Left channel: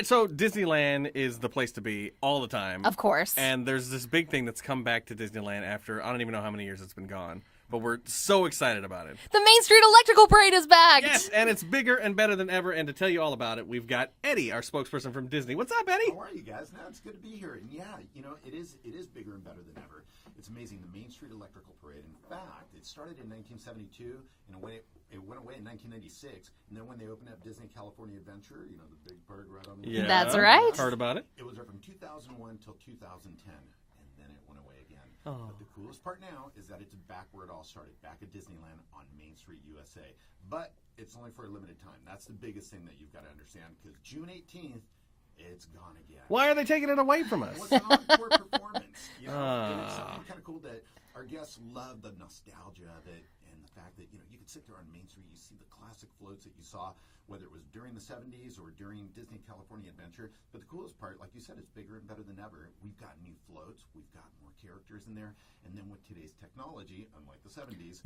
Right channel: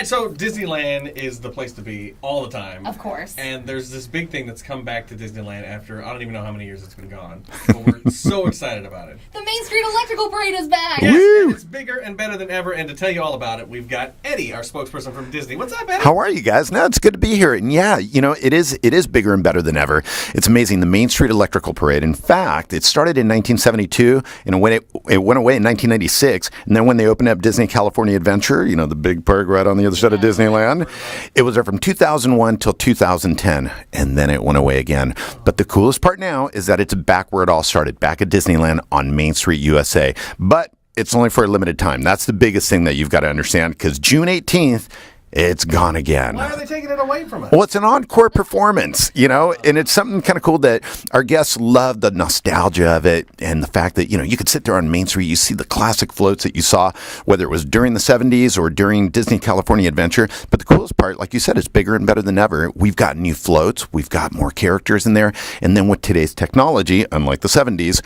right, so Disneyland is the place to be all the time. Of course. And there's this big thing that's come back to Disneyland after, I don't even know how many years it's been gone. But we're so excited about it. The Main Street Electrical Parade is back! Yes, and it's bigger and better than ever. And to tell you all about it, we've got Eddy, our spokesperson from Disney. What's up, Eddy? How are you guys? No, it's good to be here. And yeah, it is bigger and better than ever. It's amazing. The Main Street Electrical Parade. In fact, it started in 1972, and it went away in 1996. And then when they opened up Disney California Adventure, the big park right on the other side of Disneyland, it was there from 2001 till 2010, and then it went away again. But the coolest part now is that it's back where it all started, back at Disneyland on Main Street, USA. But it's only for a limited time. That's the biggest thing that you've got to understand, because June 18th, it's gone again. Why are they taking it away from us? Well, it's an encore performance, and it's something kind of cool that our guests love the nostalgia of it and the fact that, you could sit there on Main Street, you see the classic floats that you saw, whether it was during the 70s or during Disney California Adventure. But the coolest part, like you said, it's bigger and better than ever. We've got new floats. We've got more characters in there. And then with today's technology, unlike the 70s,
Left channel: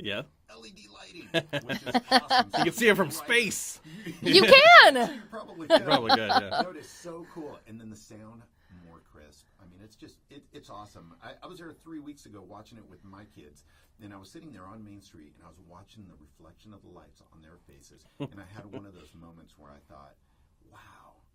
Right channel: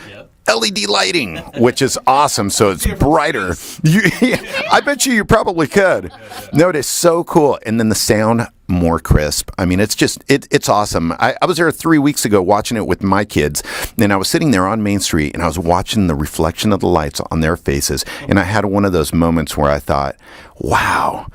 LED lighting, which is awesome, so it's brighter. You can. I bet you probably could. No, it is so cool. And then the sound, more crisp. I mean, it's just, it's awesome. I was there 3 weeks ago watching it with my kids, and I was sitting there on Main Street, and I was watching the reflection of the lights on their faces, and I had one of those moments where I thought, wow,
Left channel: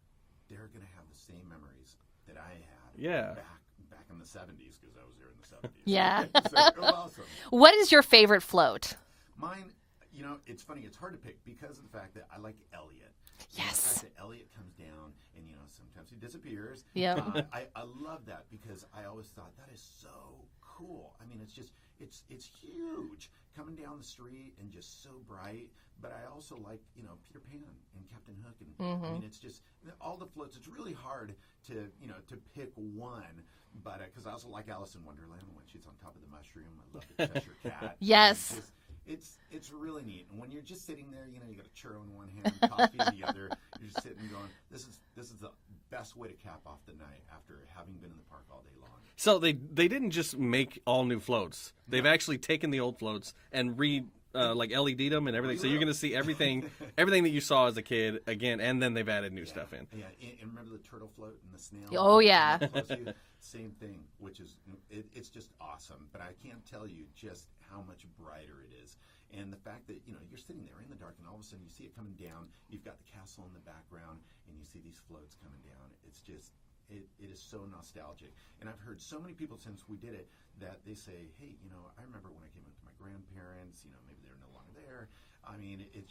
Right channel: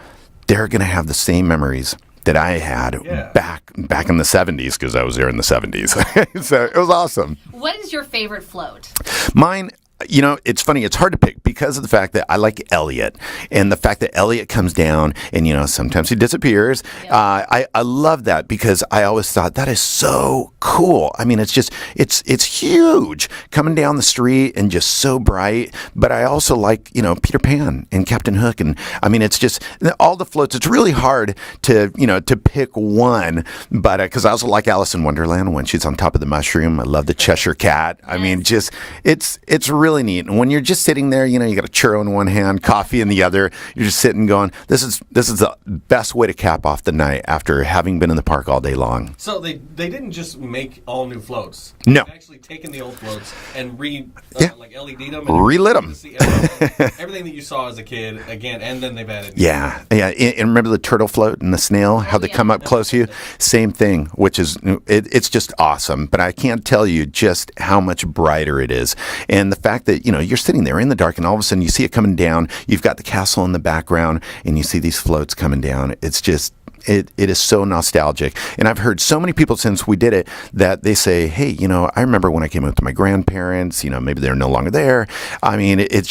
they're going to have the same memories that I had back in the 70s, because I was there in the 70s. Yeah. So it was awesome. What is your favorite float? Mine, it's funny. It's hard to pick because of the fact that I like Elliot, and the fact that Elliot comes down and, sometimes he disappears. Yeah. I love that because I always thought that is so cool. I mean, it's just, it's huge coming down the street and just so bright. But I also like, Peter Pan and Captain Hook. And I mean, it's just all the floats. It's really hard to pick one. But because I also like Alice in Wonderland when she's on top of the mushroom. I love the Cheshire Cat. Yes. I mean, just, it's really neat. And when you're just sitting there, you got a churro in one hand, coffee in the other, you're just sitting going, this is the best way to cap off the night after having been in the park all day long. So they didn't just make all new floats. No. They've actually taken the old floats and like LED them. And relit them. To see everything that you saw as a kid again, and then they've added new. Yeah. And remember the turtle float and the snail, how they come up close to you? Same thing, which is, it's just awesome. But I can't tell you just how much brighter it is. And the fact that, you're sitting there in the dark and all of a sudden you see it coming down. You've got the castle in the background and you see these floats coming down. It's just, it is so nostalgic. And I've heard so many people since we did it that they say, hey, I remember when I came up to my grandparents, maybe they're no longer there. I mean, it's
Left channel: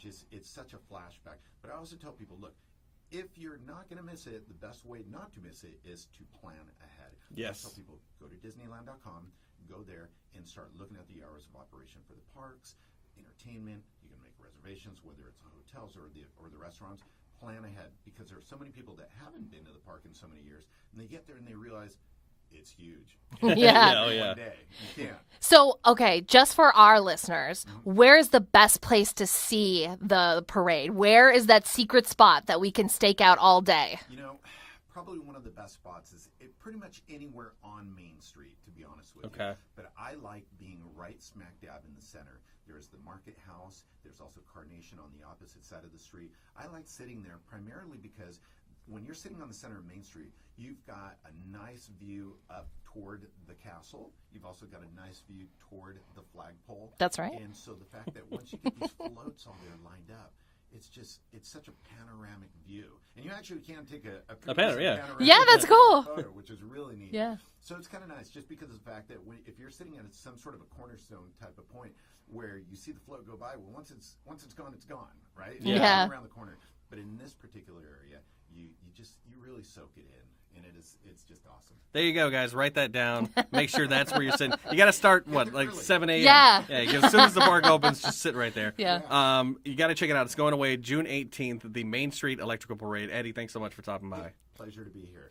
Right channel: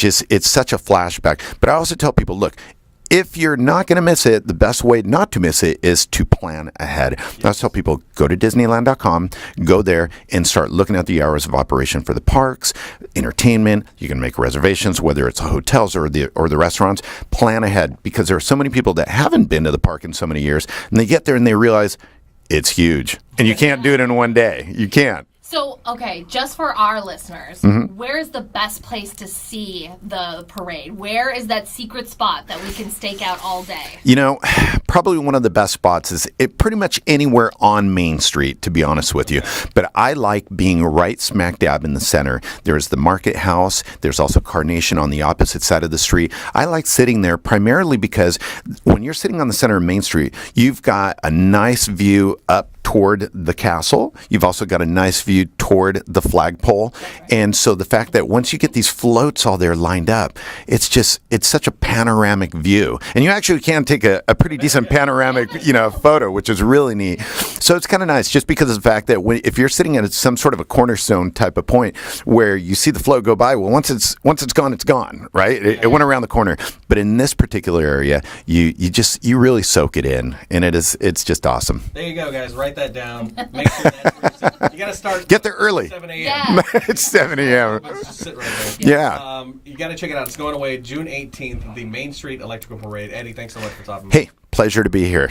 such a flashback. But I also tell people, look, if you're not going to miss it, the best way not to miss it is to plan ahead. Yes. I tell people, go to Disneyland.com, go there, and start looking at the hours of operation for the parks, entertainment. You can make reservations, whether it's hotels or the restaurants. Plan ahead, because there are so many people that haven't been to the park in so many years, and they get there and they realize it's huge. And you can't do it in one day. You can't. So, okay, just for our listeners, where is the best place to see the parade? Where is that secret spot that we can stake out all day? Probably one of the best spots is pretty much anywhere on Main Street, to be honest with you. But I like being right smack dab in the center. There's the Market House. There's also Carnation on the opposite side of the street. I like sitting there primarily because when you're sitting on the center of Main Street, you've got a nice view up toward the castle. You've also got a nice view toward the flagpole. That's right. And so the fact that once you get these floats all there lined up, it's such a panoramic view. And you actually can take a pretty decent panoramic, cool. photo, which is really neat. Yeah. So it's kind of nice just because of the fact that if you're sitting at some sort of a cornerstone type of point where you see the float go by, well, once it's gone, right? It went around the corner. But in this particular area, you really soak it in, and it's just awesome. There you go, guys. Write that down. Make sure that's where you sit. You got to start. Get there early. 7 a.m. Yeah. 7 a.m. Just sit right there. Yeah. You got to check it out. It's going away June 18th, the Main Street Electrical Parade. Eddy, thanks so much for talking. Hey, pleasure to be here.